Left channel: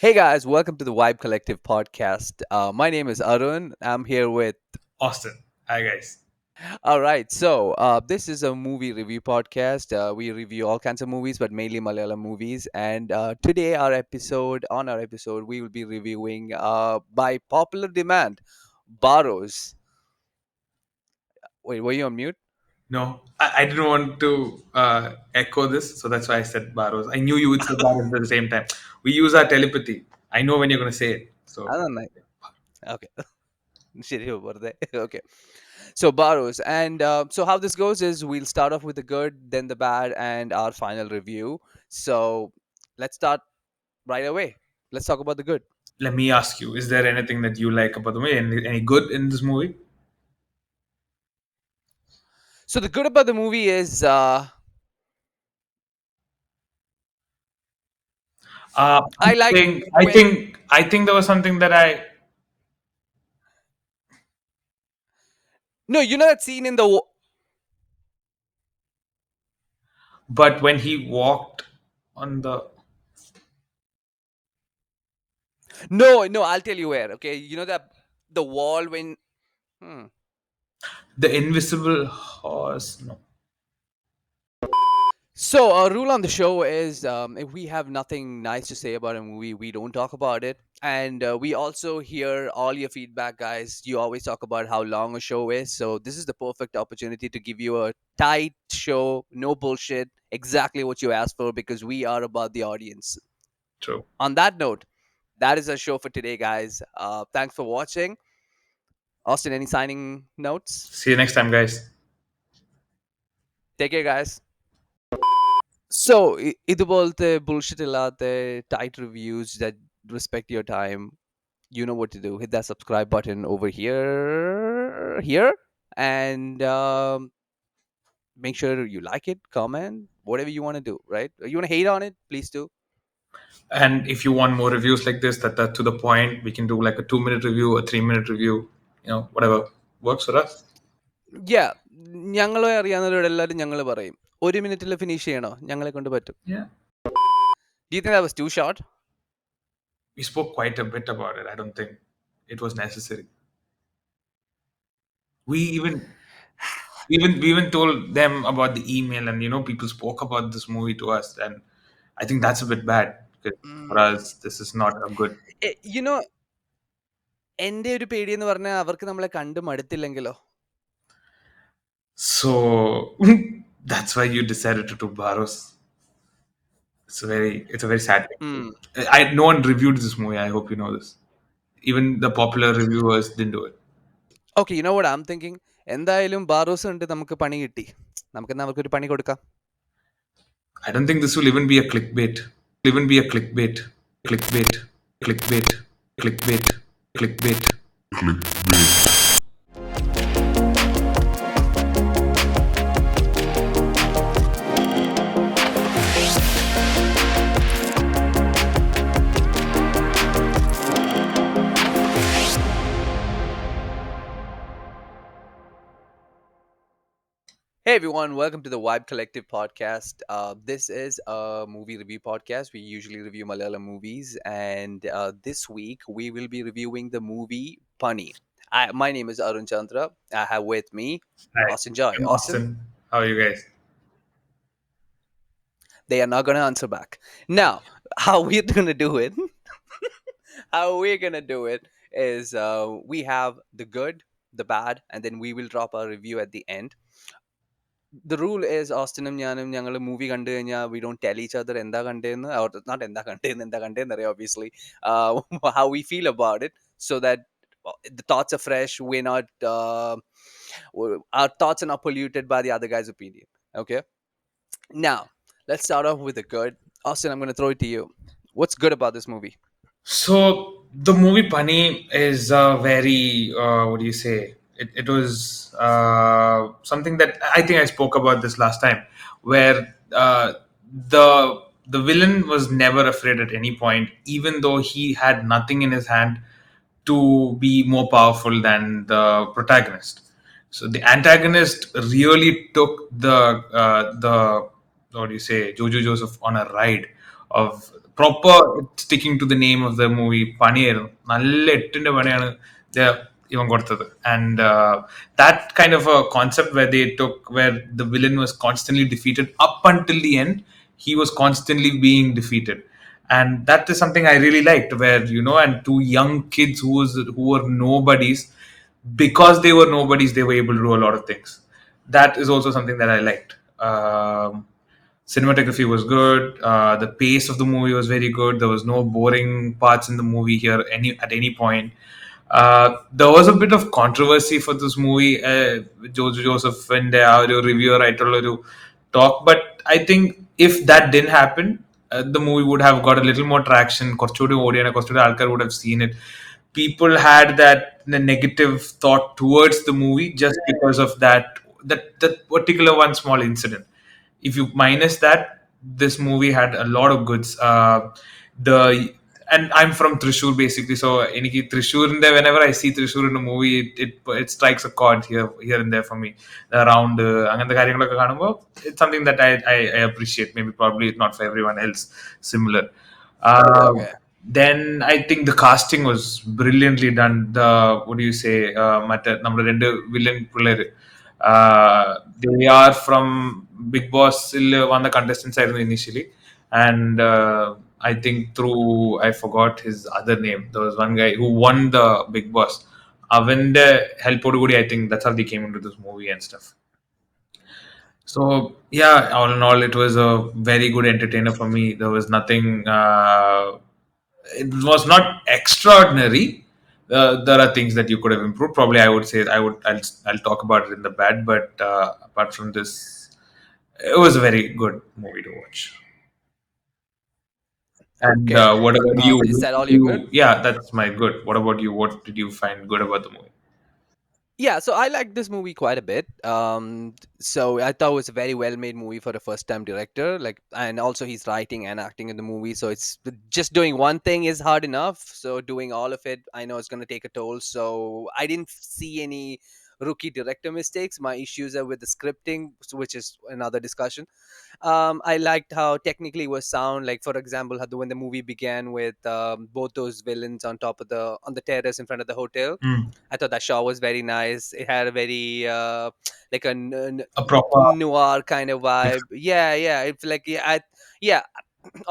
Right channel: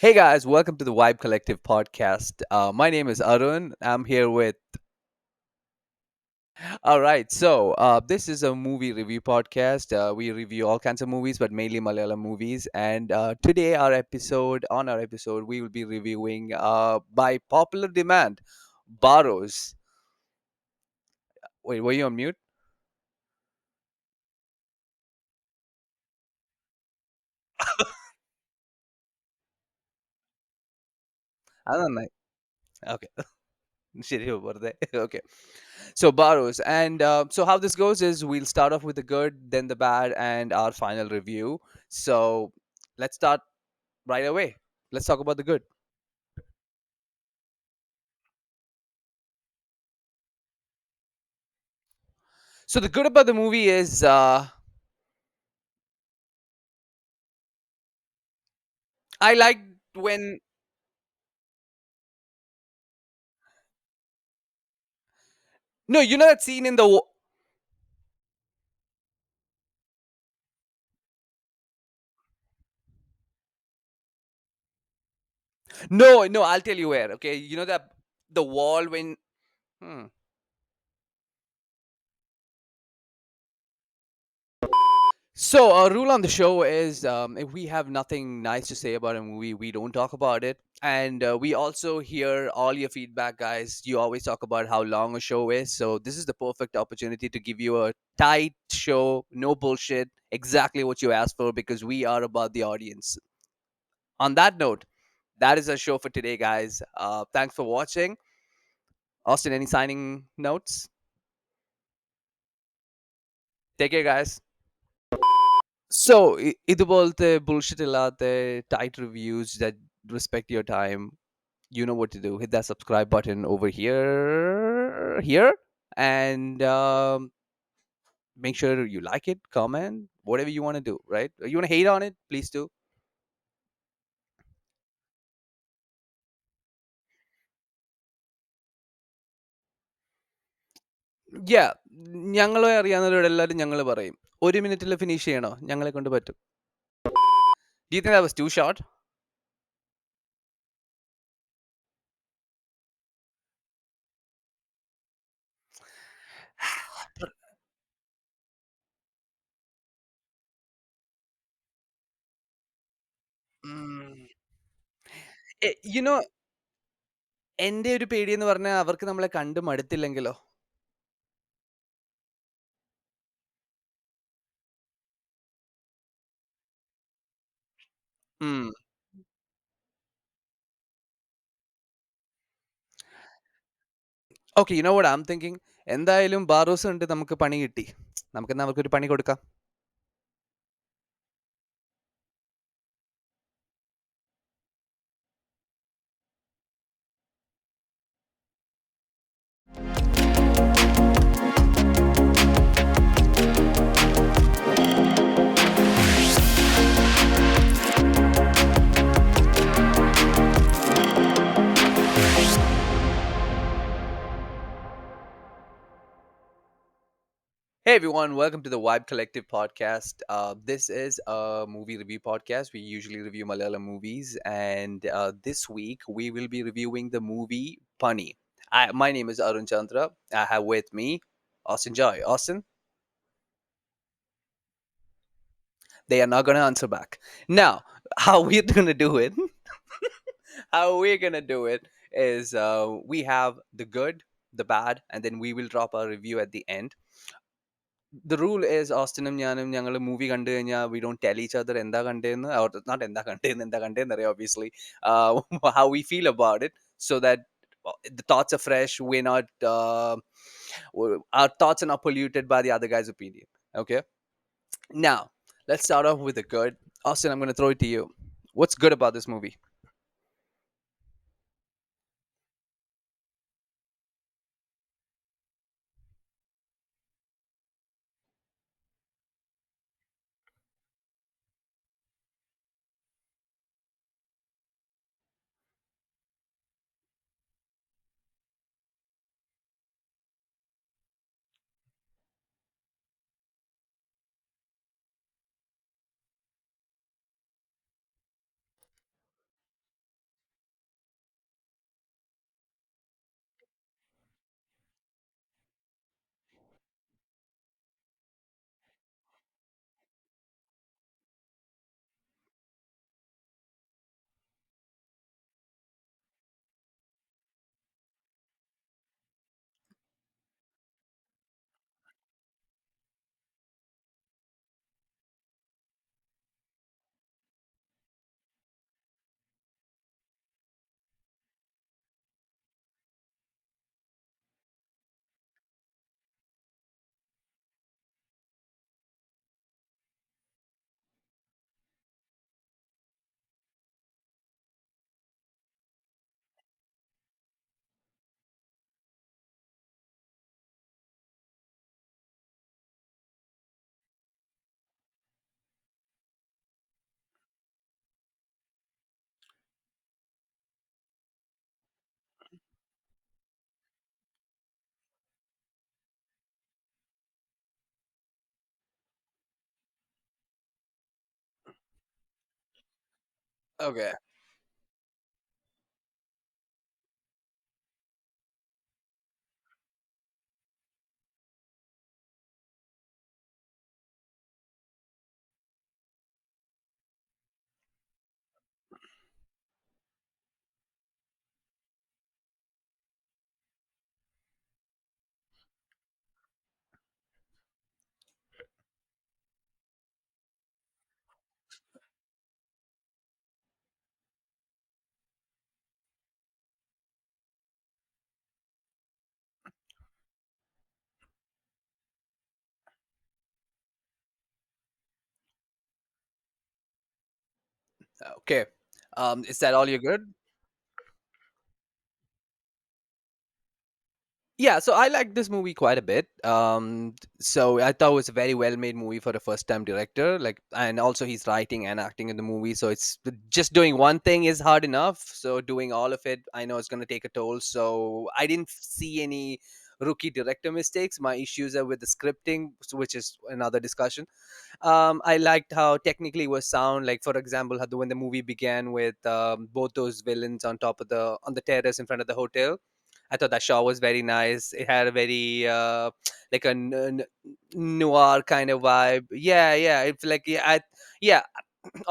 Hey guys, welcome to the Vibe Collective podcast. My name is Arun. I'm here with. Austin. Hi, guys. All right, this is a movie review podcast. We review all kinds of movies, but mainly Malayalam movies. And today, our episode, we will be reviewing, by popular demand, Barroz. Wait, were you on mute? No, I didn't want to echo this, so that's why I said Barroz. I knew you would say Barroz at the same time. We use our telepathy. I know when you're going to say it. I So don't know. Okay. ശരി, വെറുതെ. Okay. So Barrows, and so how this goes is we'll start off with the good, then the bad, and our final review. So let's start right away. Let's talk about the good. let me ask you: is there anything that you like about the movie? Any good in this movie? So the good about the movie is I like when I think there was something that I. no, you know that scene in the But when he walked on no, I'll tell you where. Okay, you know that the wall when. Hmm. the invisible horse, no. So, our rule on the show is if we have nothing nice to say about a movie, we don't talk about it. And we also hear all your feedback, guys. You always talk about how long a show is. So, this is the perfect opportunity to give you a tight show, no bullshit, exactly what you asked for, because we are about the audience. True. On that note, that is our show for today, guys. Thanks for watching. Austin, any signing notes? See you next time, guys. Take care, guys. So, ഇതുപോലത്തെ bullshit ഇല്ലാത്ത tight reviews that respect your time, you know what to do. Hit that subscribe button over here, and make sure you like it, comment, whatever you want to do. Right? You want to hate on it, please do. And if you want more reviews like this, that to the point, we can do like a 2 minute review, a 3 minute review, whatever works for us. Yeah, ഞങ്ങളെ അറിയാവുന്നവരോട് എല്ലാവരും ഞങ്ങൾ പറയും ഒരു മിനിറ്റിൽ finish ചെയ്യണോ ഞങ്ങളെ കൊണ്ട് പറ്റും. Yeah. Do you think that was too short? We spoke quite a bit about it. I don't think it was necessary. We even told them about the email, and people spoke about this movie to us, and I think that's a bit bad because for Mm. us this is not a good. You know, എൻ്റെ ഒരു പേടി എന്ന് പറഞ്ഞാൽ അവർക്ക് നമ്മളെ കണ്ട് മടുത്തില്ലെങ്കിലോ. So that's why you decided to do Barroz. It's a very sad Mm. thing. I No one reviewed this movie. I hope you know this. Even the popular reviewers didn't do it. Okay, you know what I am thinking. എന്തായാലും ബാറോസ് ഉണ്ട്, നമുക്ക് പണി കിട്ടി, നമുക്കെന്നാ അവർക്കൊരു പണി കൊടുക്കാം. I don't think this will even be a clickbait. Even be a clickbait. Clickbait. Clickbait. Clickbait. Clickbait. Hey everyone, welcome to the Vibe Collective podcast. This is a movie review podcast. We usually review Malayalam movies, and this week we will be reviewing the movie Pani. My name is Arun Chandra. I have with me Hi, Austin Joy. I'm Austin, Austin. How are you guys? they are not going to answer back. Now, how we're going to do it, how we're going to do it is we have the good, the bad, and then we will drop our review at the end. The rule is ഓസ്റ്റിനും ഞാനും ഞങ്ങൾ movie കണ്ടു കഴിഞ്ഞാൽ we don't tell each other എന്താ കണ്ടേന്ന്, or not എന്താ കണ്ടേന്ന് അറിയാം, obviously, uh, how we feel about it, so that the thoughts are fresh. We're not our thoughts are not polluted by the other guy's opinion. Okay, now let's start off with the good. Austin, I'm going to throw it to you. What's good about this movie? So the movie Pani is very what do you say? It was something that I think I spoke about this last time, where the villain was never afraid at any point, even though he had nothing in his hand to be more powerful than the protagonist. So the antagonist really took the what do you say, Jojo Joseph on a ride of proper sticking to the name of the movie. പണിയായിരുന്നു നല്ല എട്ടിന്റെ പണിയാണ് ഇവൻ കൊടുത്തത്. And that kind of a concept where they took, where the villain was constantly defeated up until the end, he was constantly being defeated. And that is something I really liked, where, and two young kids who were nobodies, because they were nobodies, they were able to do a lot of things. That is also something that I liked. Cinematography was good. The pace of the movie was very good. There was no boring parts in the movie here at any point. There was a bit of controversy for this movie. Jojo Joseph and ഒരു reviewer ആയിട്ടുള്ള ഒരു talk, but I think if that didn't happen, the movie would have got a little more traction. കുറച്ചുകൂടി ഓടിയാണ്, കുറച്ചുകൂടി ആൾക്കാർ would have seen it. People had that negative thought towards the movie just because of that particular one small incident. If you minus that, this movie had a lot of goods. The And I'm from Thrissur basically, so എനിക്ക് തൃശ്ശൂരിന്റെ, whenever I see Thrissur in a movie, it strikes a chord here and there for me. Around അങ്ങനത്തെ കാര്യങ്ങളൊക്കെ കാണുമ്പോൾ, it's something that I appreciate. Maybe probably not for everyone else similar. Okay. Then I think the casting was brilliantly done. The What do you say? മറ്റേ നമ്മുടെ രണ്ട് villain പിള്ളേര്, they are from Big Boss one the contestants ആയിരുന്നു initially, and I think through, I forgot his other name. There was one guy who won the Big Boss. അവന്റെ ഹെൽപ്പോട് കൂടി, I think that's how they came into this movie and stuff. So yeah, all in all, it was a very good entertainer for me. There was nothing. It was not extraordinary. There are things that you could have improved. Probably, I would say I'll talk about it in the bad. But apart from this, it was a very good movie to watch. And Okay. what about you? Is that all you good? Yeah, that's my good. What about you? What did you find good about the movie? Yeah, so I liked this movie quite a bit. So I thought it was a very well made movie for a first time director. Like, and also he's writing and acting in the movie. So it's just doing one thing is hard enough. So doing all of it, I know it's going to take a toll. So I didn't see any rookie director mistakes. My issues are with the scripting, which is another discussion. I liked how technically it was sound. Like, for example, when the movie began with both those villains on top of on the terrace in front of the hotel. Mm. I thought that shot was very nice. It had a very like a A proper. noir kind of Yeah. vibe. Yeah, yeah. It's like, yeah.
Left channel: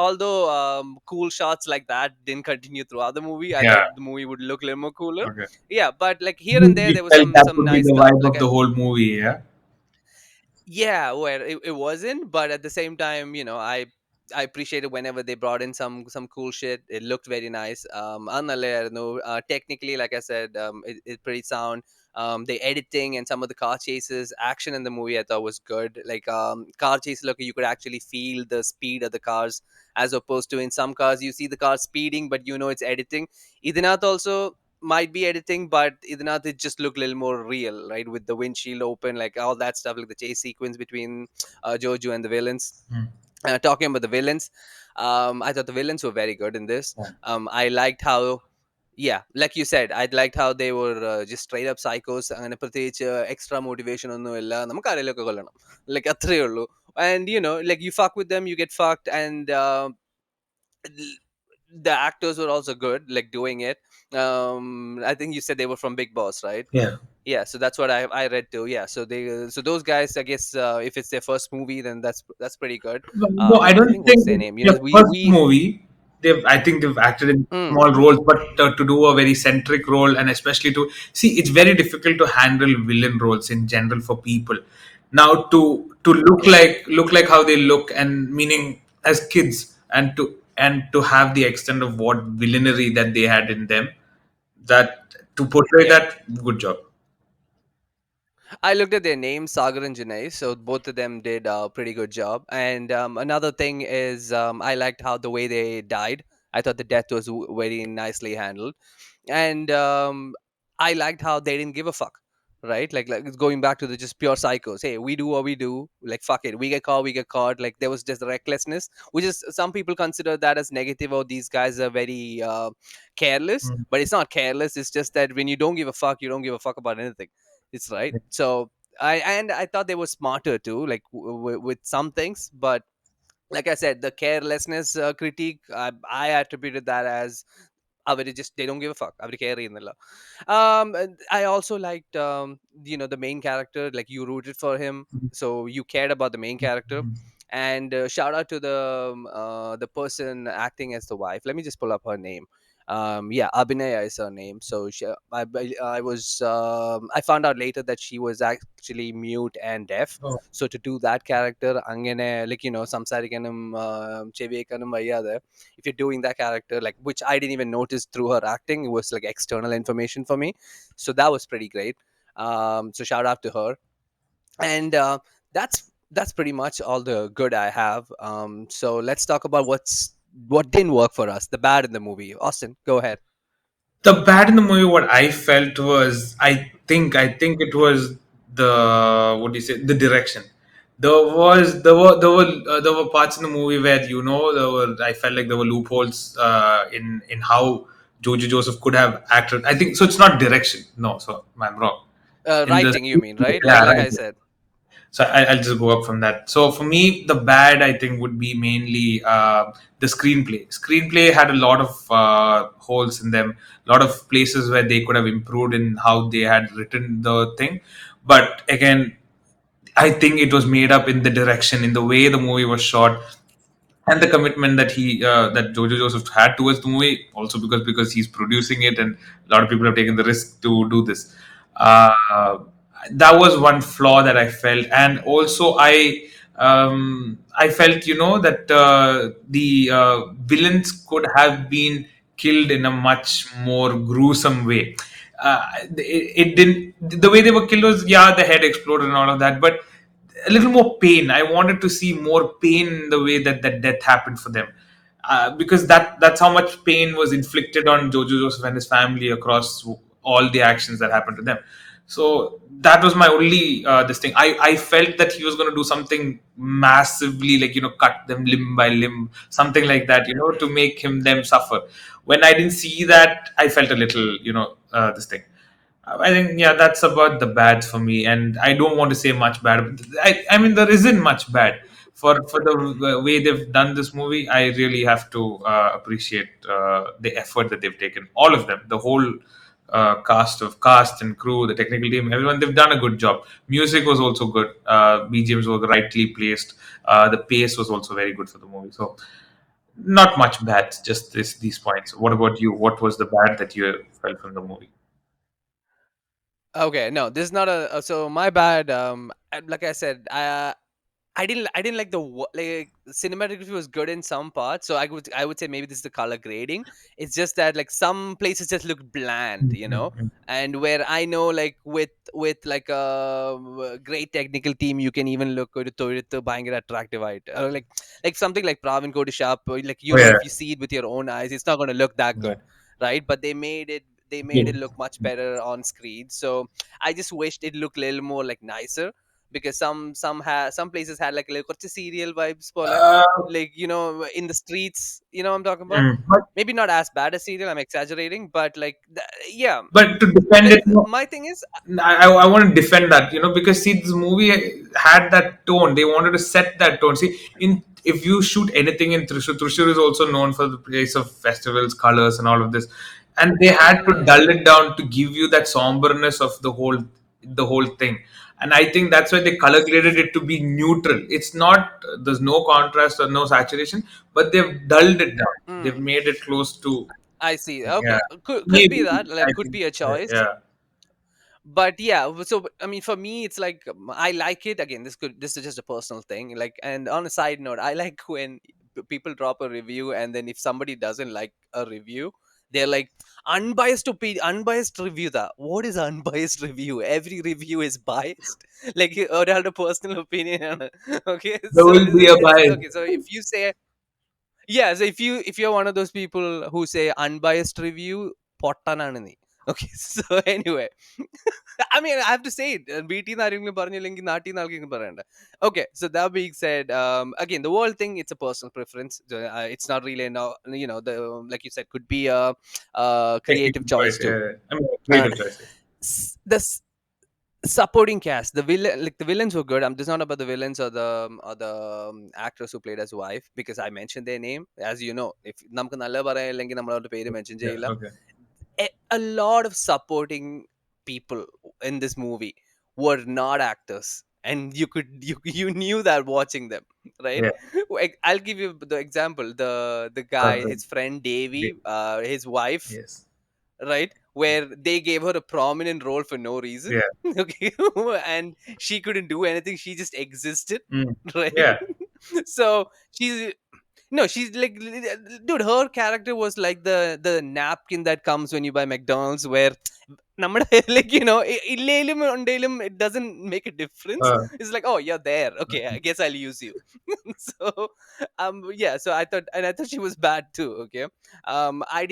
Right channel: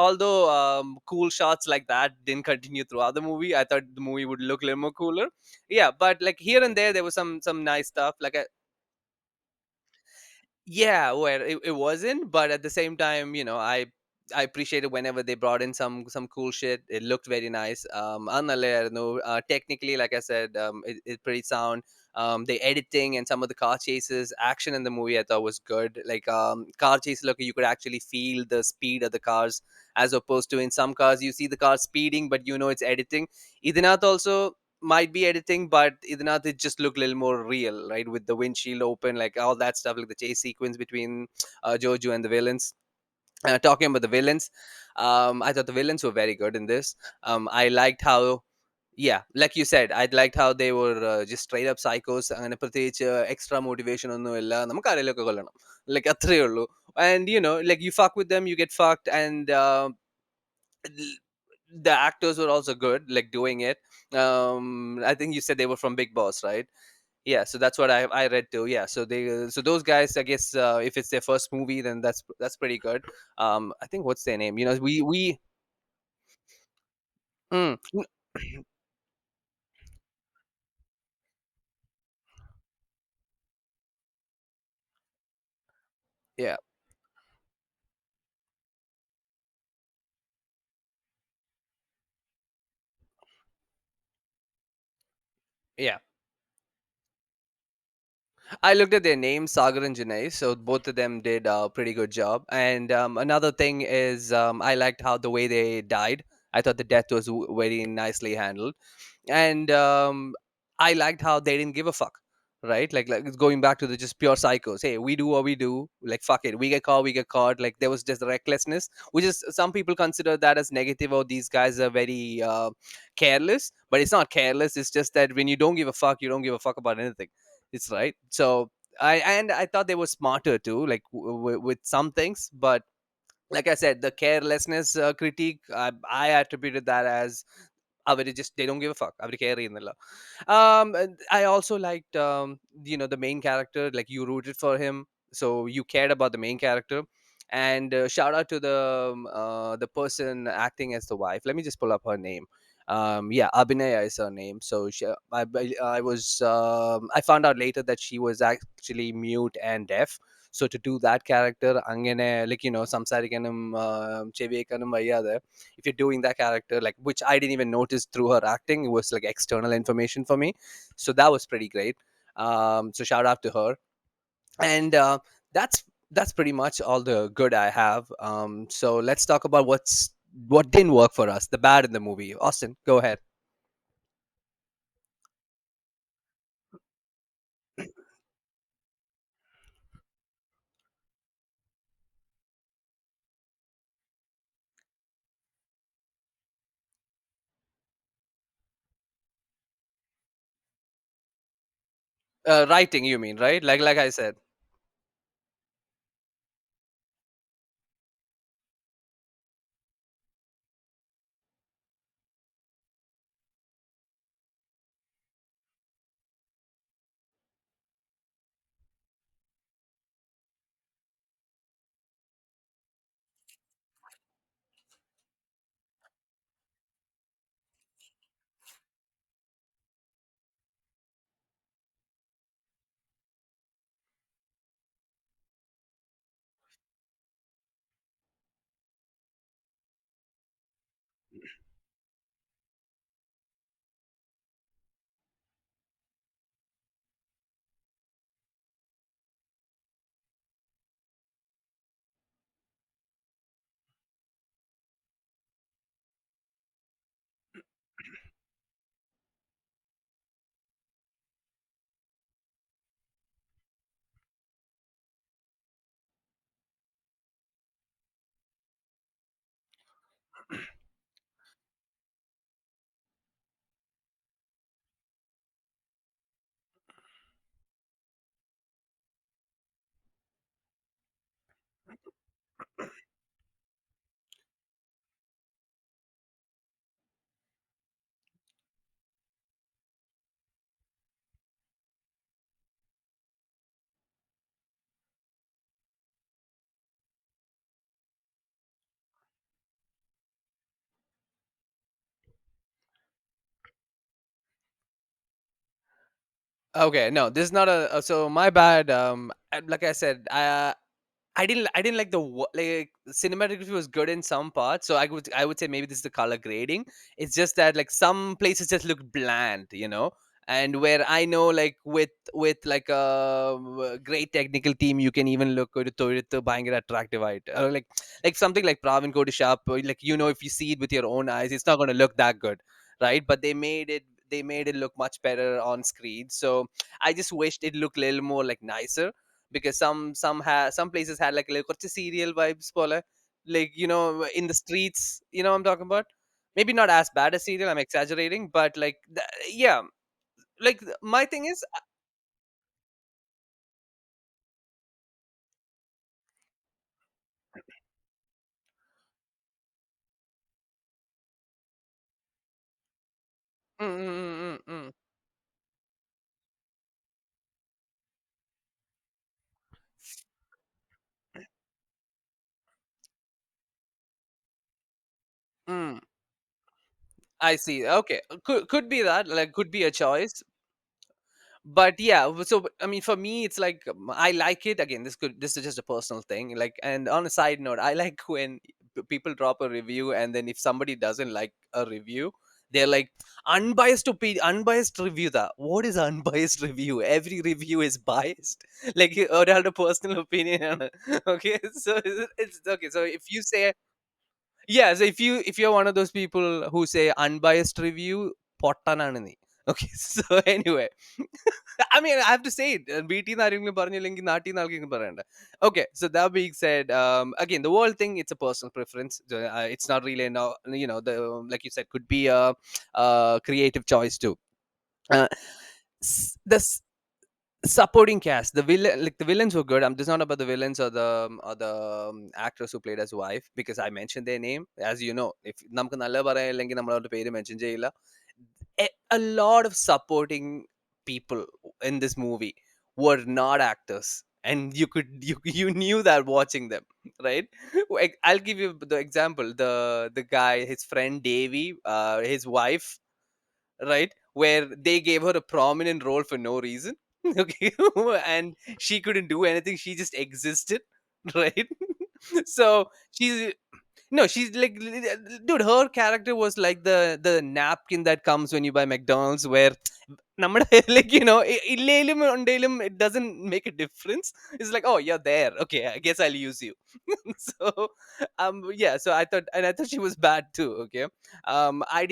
Although cool shots like that didn't continue throughout the movie, I Yeah. thought the movie would look a little more cooler. Okay. Yeah, but like here and there, You there was felt that some would be nice the stuff. vibe Like of the whole movie, yeah? yeah, where it wasn't, but at the same time, I appreciated whenever they brought in some cool shit. It looked very nice. No, technically, like I said, it's pretty sound. The editing and some of the car chases, action in the movie, I thought was good. Like car chase, look, you could actually feel the speed of the cars, as opposed to in some cars you see the car speeding, but it's editing. Idinath also might be editing, but Idinath it just looked a little more real, right? With the windshield open, like all that stuff, like the chase sequence between Jojo and the villains. Mm. Talking about the villains, I thought the villains were very good in this. Yeah. I liked how, yeah, like you said, I liked how they were just straight up psychos. അങ്ങനെ പ്രത്യേകിച്ച് extra motivation ഒന്നുമില്ല, നമുക്ക് ആരെയൊക്കെ കൊല്ലണം, like അത്രേ ഉള്ളൂ. And like you fuck with them, you get fucked. And the actors were also good, like doing it. I think you said they were from Big Boss, right? Yeah. Yeah, so that's what I read too. Yeah, so those guys, I guess, if it's their first movie, then that's pretty good. No, I I don't think, what's think their it's name? their We first we movie. I think they've acted in mm, small roles, but to do a very centric role, and especially to see, it's very difficult to handle villain roles in general for people. Now, to yeah. look like how they look, and meaning as kids, and to have the extent of what villainy that they had in them, that to portray Yeah, that, good job. I looked at their names, Sagar and Janay, so both of them did a pretty good job. And another thing is, I liked how the way they died. I thought the death was very nicely handled. And I liked how they didn't give a fuck, right? Like it's going back to the just pure psychos. Hey, we do what we do, like fuck it, we get caught. Like there was just recklessness, which is some people consider that as negative, or these guys are very careless. Mm. But it's not careless, it's just that when you don't give a fuck, you don't give a fuck about anything. It's right. So I thought they were smarter too, like with some things. But Like I said, the carelessness critique, I attributed that as അവര് just they don't give a fuck. അവര് care ചെയ്യുന്നില്ല. And I also liked, the main character. Like, you rooted for him, so you cared about the main character. And shout out to the person acting as the wife. Let me just pull up her name. Yeah, Abhinaya is her name. So I found out later that she was actually mute and deaf. Oh, So to do that character, അങ്ങനെ like, സംസാരിക്കാനും ചെവി കേൾക്കാനും വയ്യാതെ, if you're doing that character, like, which I didn't even notice through her acting, it was like external information for me. So that was pretty great. So shout out to her. And that's pretty much all the good I have. So let's talk about what didn't work for us, the bad in the movie. Austin, go ahead. the bad in the movie, what I felt was, I think it was the, what do you say, the direction. There were parts in the movie where, I felt like there were loopholes in how Jojo Joseph could have acted. I think so. It's not direction. No, so I'm wrong. In the Writing, you mean, right? like yeah, like right. I said. So I'll just go up from that. So for me, the bad, I think, would be mainly the screenplay. Screenplay had a lot of holes in them, a lot of places where they could have improved in how they had written the thing. But again, I think it was made up in the direction, in the way the movie was shot, and the commitment that Jojo Joseph had towards the movie. Also because he's producing it, and a lot of people have taken the risk to do this. Uh, that was one flaw that I felt, and also I felt, that the villains could have been killed in a much more gruesome way. It didn't. The way they were killed was, yeah, the head exploded and all of that, but a little more pain. I wanted to see more pain in the way that death happened for them, because that's how much pain was inflicted on Jojo Joseph and his family across all the actions that happened to them. So that was my only this thing. I felt that he was going to do something massively, like, cut them limb by limb, something like that, to make them suffer. When I didn't see that, I felt a little, this thing. I think, yeah, that's about the bad for me, and I don't want to say much bad. But I mean, there isn't much bad for the way they've done this movie. I really have to appreciate the effort that they've taken. All of them, the whole cast and crew, the technical team, everyone, they've done a good job. Music was also good. BGMs were rightly placed. The pace was also very good for the movie. So not much bad, just these points. What about you? What was the bad that you felt from the movie? Okay, no, this is not so my bad. Like I said, I didn't like like, cinematography was good in some parts, so I would say maybe this is the color grading. It's just that, like, some places just look bland, Mhm. and where I know, like, with like a great technical team, you can even look good to buying it attractive, or like something like Pravin Kodishap, like, Oh yeah. if you see it with your own eyes, it's not going to look that Yeah. good, right? But they made it look much better on screen. So I just wished it looked a little more like nicer, because some places had like a little serial vibes pole, Uh, like, in the streets, I'm talking about. but Maybe not as bad as serial, I'm exaggerating, but like, yeah. but to defend Like, it, no, my thing is, I want to defend that, because see, this movie had that tone. They wanted to set that tone. See, in if you shoot anything in Thrissur, Thrissur is also known for the place of festivals, colors, and all of this, and they had to dull it down to give you that somberness of the whole thing. And I think that's why they color graded it to be neutral. It's not, there's no contrast or no saturation, but they've dulled it down. They've mm, made it close to, I see. yeah, Okay, could be maybe, that, I like, could think, be a choice. yeah. But yeah, so I mean, for me, it's like, I like it. Again, this is just a personal thing, like. And on a side note, I like when people drop a review, and then if somebody doesn't like a review, they're like, unbiased review. That, what is unbiased review? Every review is biased. Like, ഒരാളുടെ personal opinion ആണ്. Okay, There so will be a it's bias. okay. So if you say, yeah, so if you're one of those people who say unbiased review, പൊട്ടനാണ് നീ. Okay, so anyway, I mean, I have to say it. BT ആരെങ്കിലും പറഞ്ഞില്ലെങ്കിൽ നാട്ടിൽ നിന്ന് ആർക്കെങ്കിലും പറയണ്ട. Okay, so that being said, again, the whole thing, it's a personal preference. It's not really, no, the, like you said, could be a creative Technical choice choice, too. yeah. I mean, Uh, creative choice. s- the supporting cast, the villain, like the villains were good. This is not about the villains or the actress who played as wife, because I mentioned their name. As you know, if നമുക്ക് നല്ല പറയാനില്ലെങ്കിൽ നമ്മൾ അവരുടെ പേര് mention Yeah. ചെയ്യില്ല. Okay. A lot of supporting people in this movie were not actors, and you knew that watching them, right? Yeah. Like, I'll give you the example. The guy, Cousin. his friend Davy, Yeah. his wife, Yes. right, where they gave her a prominent role for no reason. Yeah. Okay. And she couldn't do anything, she just existed. Mm. Right. Yeah. So she's, no, she's like, dude, her character was like the napkin that comes when you buy McDonald's, where നമ്മുടെ like, ഇല്ലേലും ഉണ്ടേലും it doesn't make a difference. Uh, It's like, oh, you're there, okay, I guess I'll use you. So yeah, so I thought she was bad too. Okay. I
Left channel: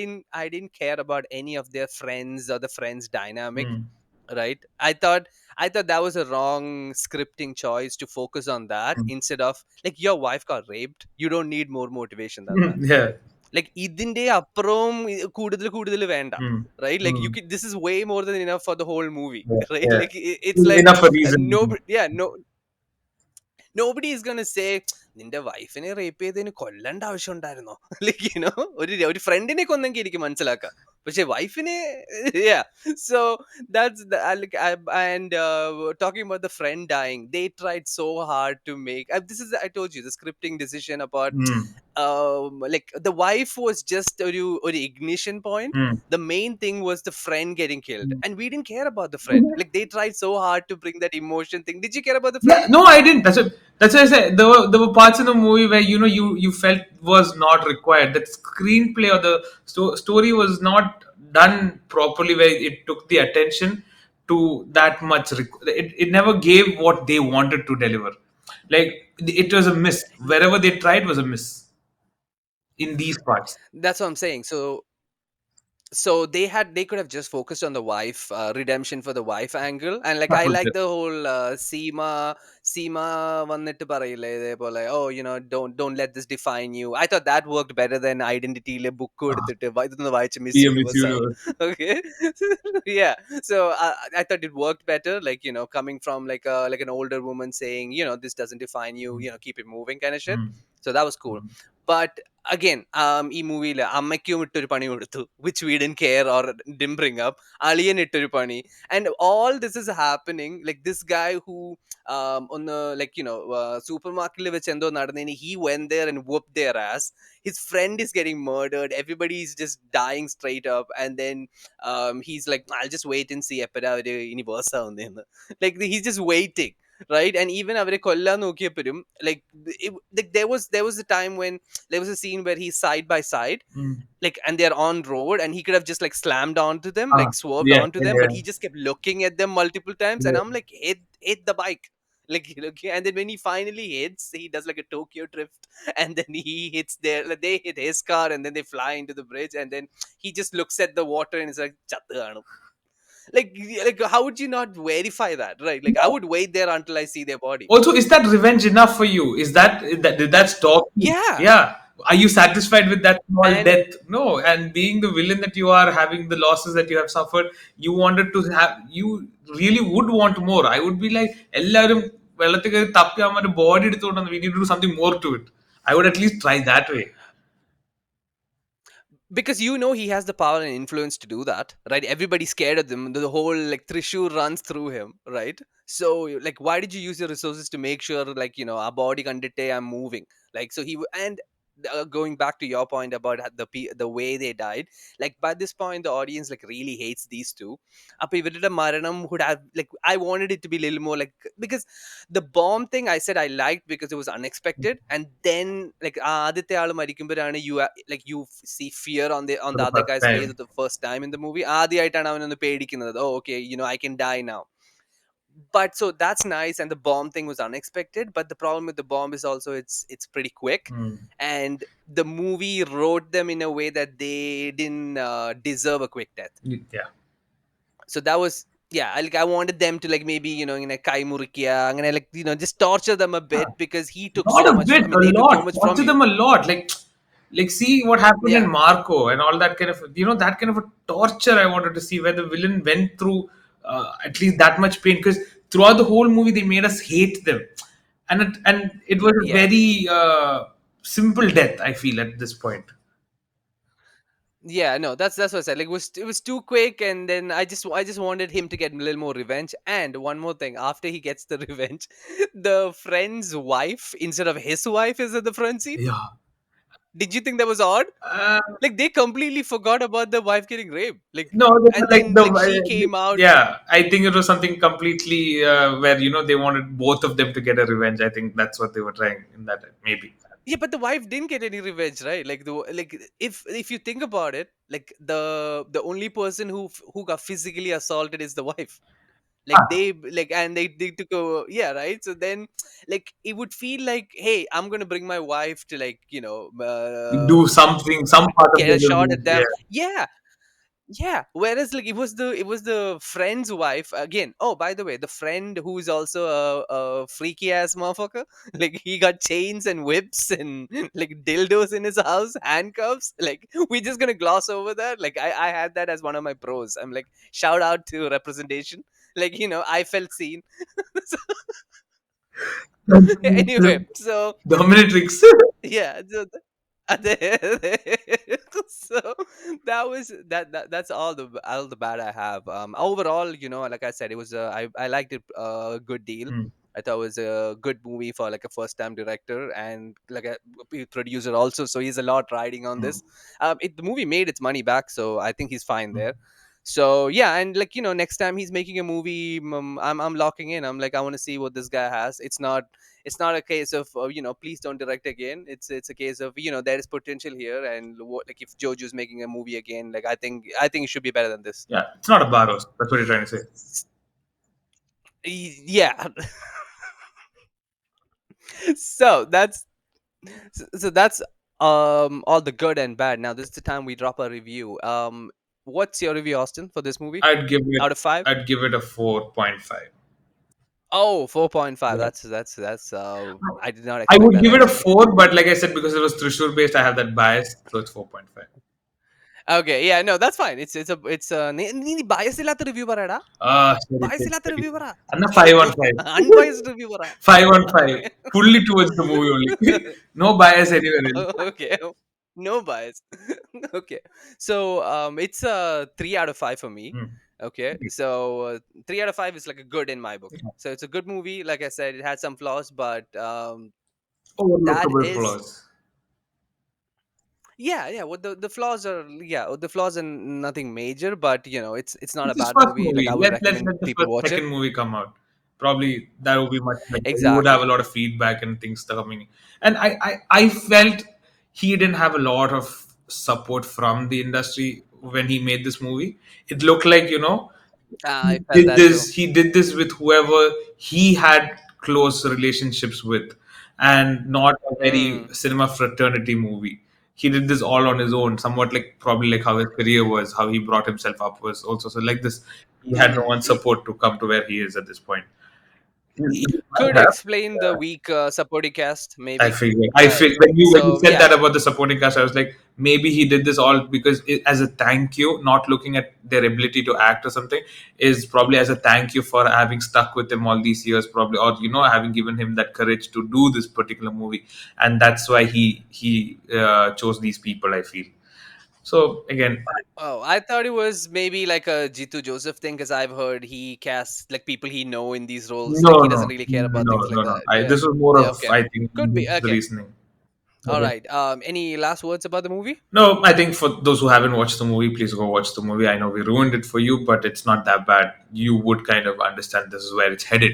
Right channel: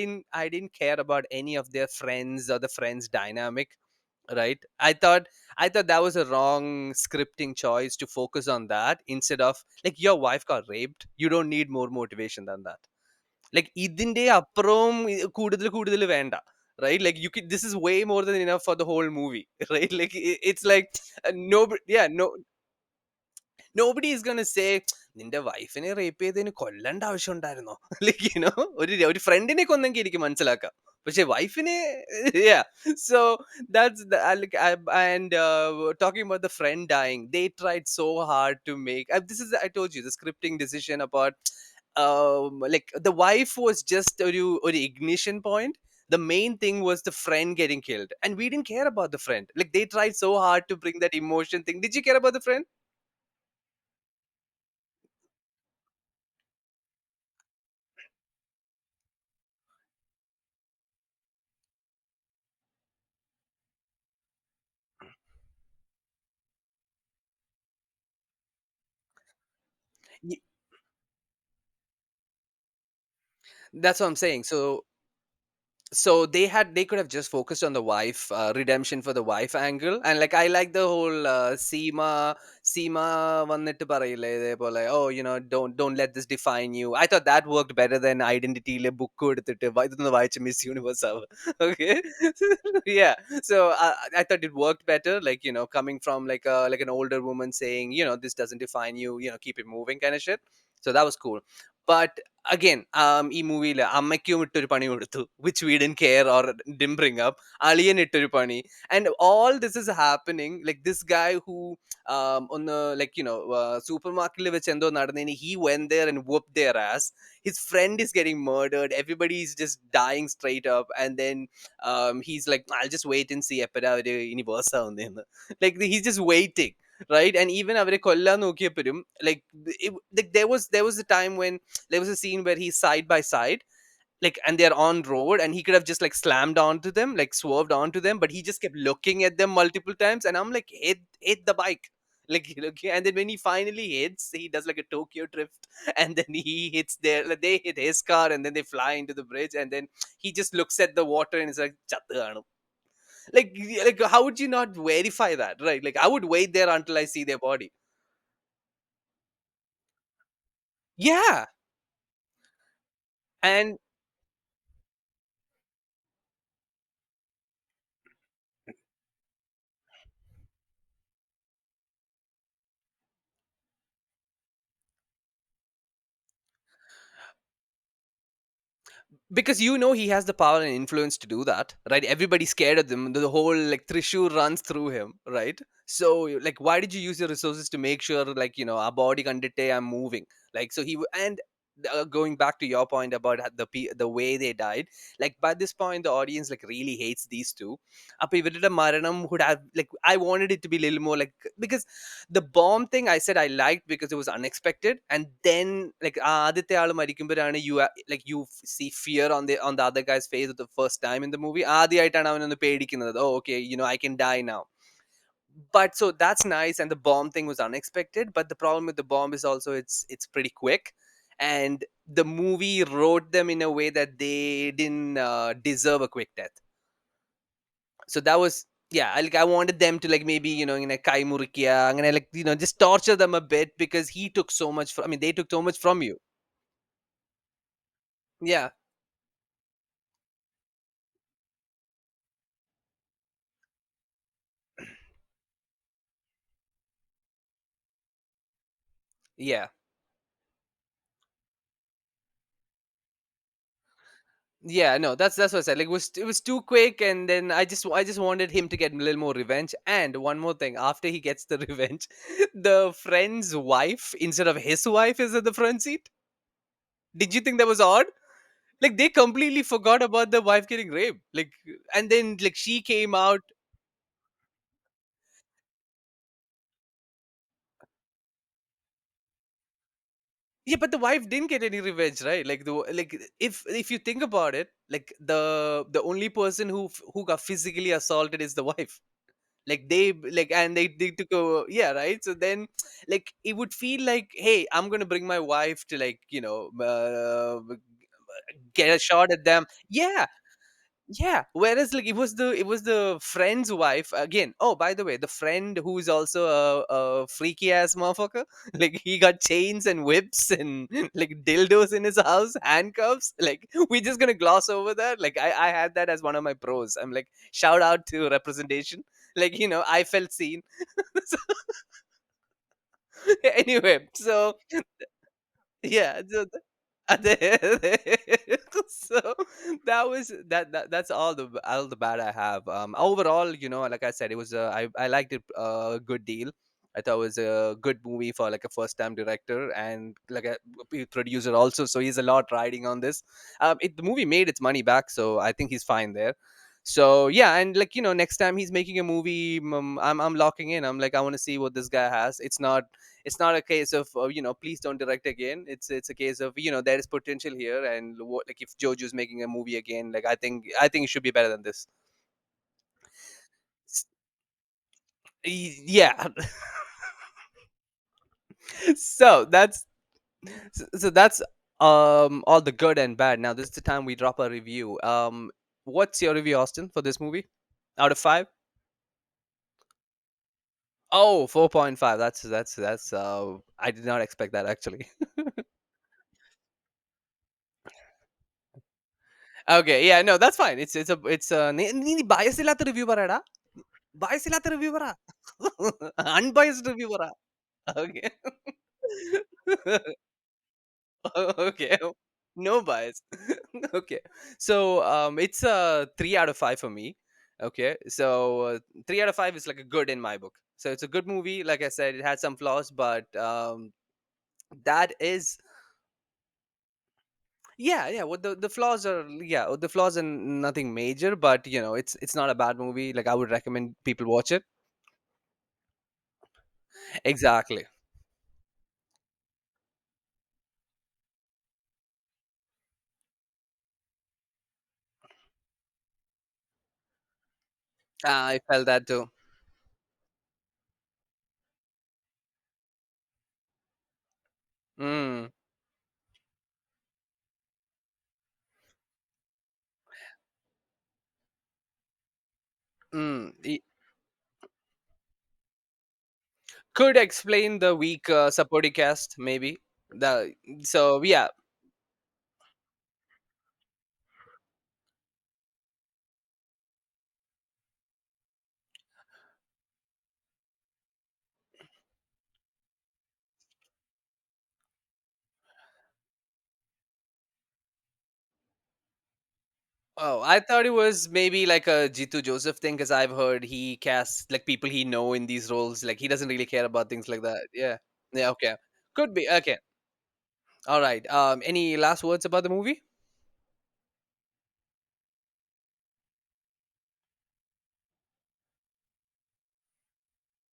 didn't care about any of their friends or the friends dynamic, mm. right? I thought that was a wrong scripting choice to focus on that, Mm. instead of, like, your wife got raped, you don't need more motivation than that. Yeah. Like, ഇതിന്റെ അപ്പുറവും കൂടുതൽ കൂടുതൽ വേണ്ട, Mm. right? Like, Mm. this is way more than enough for the whole movie. Yeah. Right? Yeah. Like, it's like, Enough a reason. nobody, yeah, no, nobody is gonna say, നിന്റെ വൈഫിനെ rape ചെയ്തതിന് കൊല്ലേണ്ട ആവശ്യം ഉണ്ടായിരുന്നോ? Like, ഒരു ഫ്രണ്ടിനെ കൊന്നെങ്കിൽ എനിക്ക് മനസ്സിലാക്കാം, പക്ഷെ വൈഫിനെ, yeah. So that's the like, and talking about the friend dying, they tried so hard to make, this is, I told you, the scripting decision about, Mm. like, the wife was just a ignition point. Mm. The main thing was the friend getting killed, Mm. and we didn't care about the friend. Like, they tried so hard to bring that emotion thing. Did you care about the friend? Yeah, no, I didn't. That's why I said there were parts in the movie where you felt was not required. That screenplay or the story was not done properly, where it took the attention to that much. It never gave what they wanted to deliver. Like it was a miss. Wherever they tried was a miss in these parts. That's what I'm saying. So they could have just focused on the wife, redemption for the wife angle, and like, That I was like it. the whole Seema വന്നിട്ട് പറയില്ലേ ഇതേപോലെ, oh, don't let this define you. I thought that worked better than ഐഡന്റിറ്റിയിലെ book എടുത്തിട്ട് ഇതൊന്ന് വായിച്ച് Miss Yeah, Miss Universe ആവും. Universe. Okay. Yeah. So I thought it worked better, like, coming from like an older woman saying, this doesn't define you, keep it moving, kind of shit. Mm. So that was cool. Mm. But again, ഈ മൂവിയിൽ അമ്മയ്ക്കും ഇട്ടൊരു പണി കൊടുത്തു, which we didn't care or didn't bring up. അളിയൻ ഇട്ടൊരു പണി. And all this is happening, like, this guy who, ഒന്ന്, like, സൂപ്പർമാർക്കറ്റിൽ വെച്ച് എന്തോ നടന്നതിന്, he went there and whooped their ass. His friend is getting murdered, everybody is just dying straight up, and then he's like, I'll just wait and see എപ്പോഴാ അവര് ഇനി verse ആവുന്നതെന്ന്. Like, he's just waiting, right? And even അവരെ കൊല്ലാൻ നോക്കിയപ്പോഴും, like, like, there was a time when there was a scene where he's side by side, Mm. like, and they're on road, and he could have just like slammed onto them, Ah, like swerved yeah, onto yeah, them, but yeah. he just kept looking at them multiple times, and Yeah. I'm like, hit the bike. Like, okay. And then when he finally hits, he does like a Tokyo drift, and then he hits their, like, they hit his car, and then they fly into the bridge, and then he just looks at the water and is like, "Chattu aanu." Like, how would you not verify that, right? Like, I would wait there until I see their body. Also, is that revenge enough for you? Is that did that stop you? Yeah. Yeah. Are you satisfied with that small And death? No. And being the villain that you are, having the losses that you have suffered, you wanted to have. You really would want more. I would be like, എല്ലാവരും വെള്ളത്തിൽ കയറി തപ്പി അവന്മാരുടെ body എടുത്തുകൊണ്ട് വന്ന് we need to do something more to it. I would at least try that way. because he has the power and influence to do that, right? Everybody's scared of them, the whole, like, Trishur runs through him, right? So, like, why did you use your resources to make sure, like, our body kandite I'm moving, like, so and going back to your point about the way they died, like, by this point the audience, like, really hates these two. Appo ivaride maranam would have, like, I wanted it to be a little more, like, because the bomb thing, I said I liked because it was unexpected, and then, like, ആദ്യത്തെ ആള് മരിക്കുമ്പോഴാണ് like, you see fear on For the the other first guy's face time. the first time in the movie. ആദ്യമായിട്ടാണ് അവനൊന്ന് പേടിക്കുന്നത്, oh, okay, I can die now. But so that's nice, and the bomb thing was unexpected, but the problem with the bomb is also it's pretty quick, Mm. and the movie wrote them in a way that they didn't deserve a quick death. Yeah. So that was, yeah, like, I wanted them to, like, maybe, in a kai murikiya, അങ്ങനെ, like, just torture them a bit, because he took Not so a much bit, I a mean, they took so lot. much Talk from to you. them a lot. Like see what happened in Yeah. Marco and all that kind of, that kind of a torture I wanted to see, where the villain went through at least that much pain. Because throughout the whole movie they made us hate them, and it was a Yeah. very simple death, I feel, at this point. Yeah, no, that's what I said. Like, it was too quick, and then I just wanted him to get a little more revenge. And one more thing, after he gets the revenge, the friend's wife instead of his wife is in the front seat. Yeah. Did you think that was odd? uh, Like, they completely forgot about the wife getting raped. Like, no, they were and like then like she came out. yeah, I think it was something completely where they wanted both of them to get a revenge. I think that's what they were trying in that, maybe. Yeah, but the wife didn't get any revenge, right? Like if you think about it, like the only person who got physically assaulted is the wife. Like Ah, they like and they took a, yeah, right. So then, like, it would feel like, hey, I'm gonna bring my wife to, like, do something, some part of get the a shot revenge. at Yeah. them. Yeah, yeah. Whereas, like, it was the friend's wife again. Oh, by the way, the friend who's also a freaky ass motherfucker. Like, he got chains and whips and like dildos in his house, handcuffs. Like, we're just gonna gloss over that. Like, I had that as one of my pros. I'm like, shout out to representation. Like, I felt seen. So, anyway, so Dominatrix. yeah, so that was that's all the bad I have. Overall, like I said, it was I liked it a good deal. Hmm. I thought it was a good movie for like a first time director and like a producer also, so he's a lot riding on Hmm. this. The movie made its money back, so I think he's fine Hmm. there. So yeah, and like, next time he's making a movie, I'm locking in. I'm like, I want to see what this guy has. It's not a case of, please don't direct again. It's a case of, there is potential here, and like, if Jojo's making a movie again, like, I think it should be better than this. Yeah, it's not a Barroz. That's what you're trying to say. Yeah. so that's all the good and bad. Now this is the time we drop a review. What's your review, Austin, for this movie I'd give it out of 5? I'd give it a 4.5. Oh, 4.5. Yeah. That's I did not I expect would that, give it a actually. 4, but like I said, because it was Trishur based, I have that bias, so it's 4.5. Okay, yeah, no, that's fine. It's നീ bias ഇല്ലാത്ത review പറയടാ. Sorry, Bias sorry, ഇല്ലാത്ത sorry. Review പറ. And a 5 on 5. Unbiased review പറ. 5 on 5. Okay. Fully towards the movie only. No bias anywhere else. Okay. No bias. Okay. So it's a 3 out of 5 for me. Hmm. Okay. So 3 out of 5 is like a good in my book. So it's a good movie. Like I said, it had some flaws, but that Overlookable is, flaws. yeah. What the flaws are, yeah, the flaws are nothing major, but it's not a It's his bad first movie. Like, movie. I would Let recommend the people first, watch it. second movie come out. Probably that would be much better. You would have a Exactly. lot of feedback and things coming. And I felt he didn't have a lot of support from the industry when he made this movie. It looked like, I felt that too. he did this with whoever he had close relationships with, and not a very Mm. cinema fraternity movie. He did this all on his own, somewhat like probably like how his career was, how he brought himself up was also. So like this, he had no Mm. one support to come to where he is at this point. He Could might have. explain the weak supporting cast, maybe. I feel when you So said yeah. that about the supporting cast, I was like, maybe he did this all because as a thank you, not looking at their ability to act or something, is probably as a thank you for having stuck with him all these years, probably, or having given him that courage to do this particular movie, and that's why he chose these people. I feel so again. Oh, I thought it was maybe like a Jitu Joseph thing, because I've heard he casts like people he know in these roles. No, Like, he no, doesn't really care about no, things no, like no. that. Yeah. This was more Yeah. of, Okay. I think, Could be. the Okay. reasoning. All right. Any last words about the movie? No, I think for those who haven't watched the movie, please go watch the movie. I know we ruined it for you, but it's not that bad. You would kind of understand this is where it's headed.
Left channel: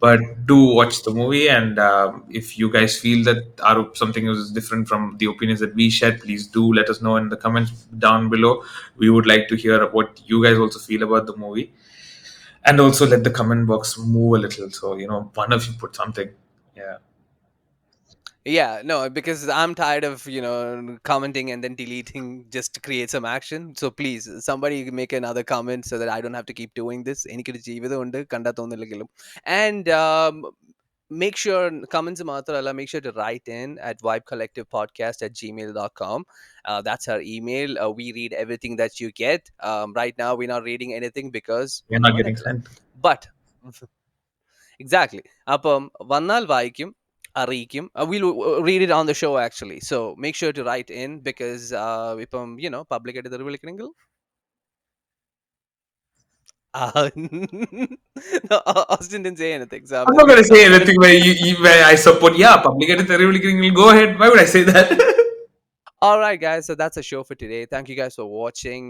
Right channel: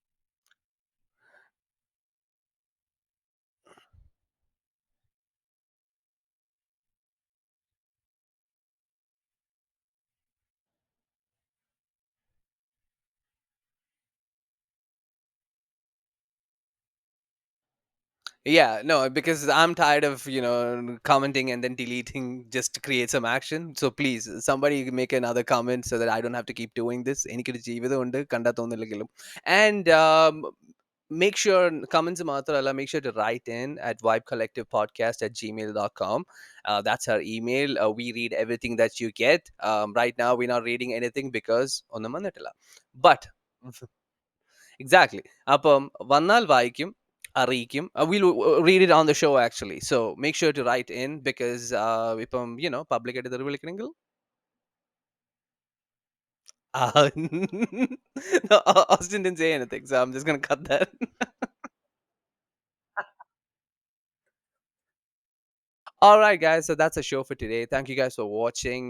But do watch the movie, and if you guys feel that something is different from the opinions that we shared, please do let us know in the comments down below. We would like to hear what you guys also feel about the movie, and also let the comment box move a little. So one of you put something. Yeah. Yeah, no, because I'm tired of, commenting and then deleting just to create some action. So please, somebody make another comment so that I don't have to keep doing this. എനിക്കൊരു ജീവിതമുണ്ട്, കണ്ടാ തോന്നില്ലെങ്കിലും. And make sure, comments മാത്രമല്ല, make sure to write in at vibecollectivepodcast@gmail.com. That's our email. We read everything that you get. Right now, we're not reading anything because We're not ഒന്നും getting വന്നിട്ടില്ല. sent. But Exactly. അപ്പം വന്നാൽ വായിക്കും, അറിയിക്കും. We'll read it on the show actually. So make sure to write in because ഇപ്പം public ആയിട്ട് തെറി വിളിക്കണമെങ്കിൽ no, Austin didn't say anything, so I'm I'm just not going gonna to say cover that. anything where I support. Yeah, public at the go ahead. Why would I say that? All right, guys. So that's a show for today. Thank you guys for watching.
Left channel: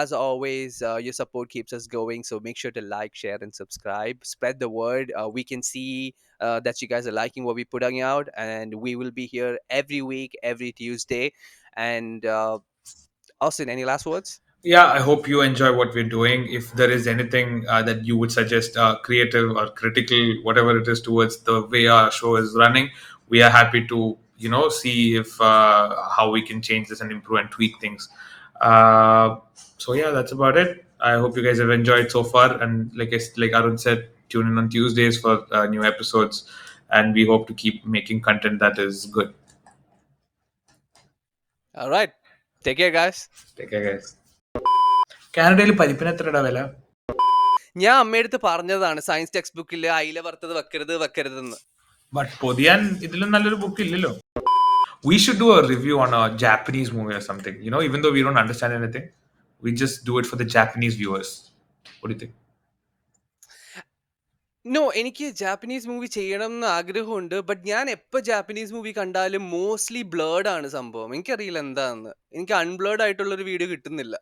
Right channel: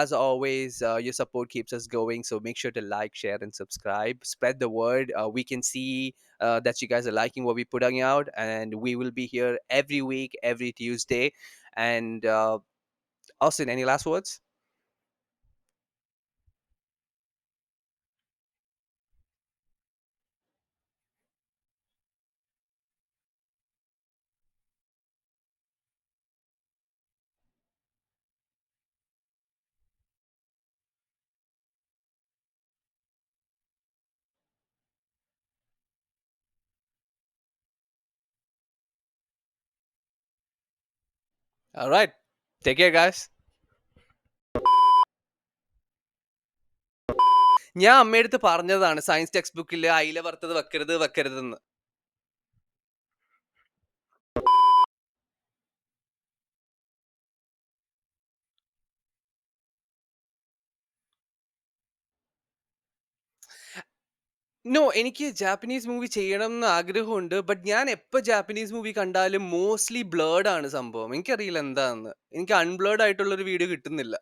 As always, your support keeps us going. So make sure to like, share, and subscribe. Spread the word. We can see that you guys are liking what we're putting out, and we will be here every week, every Tuesday. And Austin, any last words? Yeah, I hope you enjoy what we're doing. If there is anything that you would suggest, creative or critical, whatever it is, towards the way our show is running, we are happy to see if how we can change this and improve and tweak things. Uh, so yeah, that's about it. I hope you guys have enjoyed so far, and like Arun said, tune in on Tuesdays for new episodes, and we hope to keep making content that is good. All right. Take care, guys. Take care, guys. കാനഡയിൽ പരിപ്പിന് എത്രടാ വില? ഞാൻ അമ്മയടുത്ത് പറഞ്ഞതാണ് science text ബുക്കിൽ അയില വറുത്തത് വെക്കരുതെന്ന്. But പൊതിയാൻ ഇതിലും നല്ലൊരു book ഇല്ലല്ലോ. We should do a review on a Japanese movie or something. Even though we don't understand anything, we just do it for the Japanese viewers. What do you think? No, എനിക്ക് Japanese movie ചെയ്യണം എന്ന് ആഗ്രഹമുണ്ട്. But ഞാൻ എപ്പോൾ Japanese movie കണ്ടാലും mostly blurred ആണ് സംഭവം. എനിക്കറിയില്ല എന്താന്ന്. എനിക്ക് അൺബ്ലേർഡ് ആയിട്ടുള്ളൊരു വീഡിയോ കിട്ടുന്നില്ല.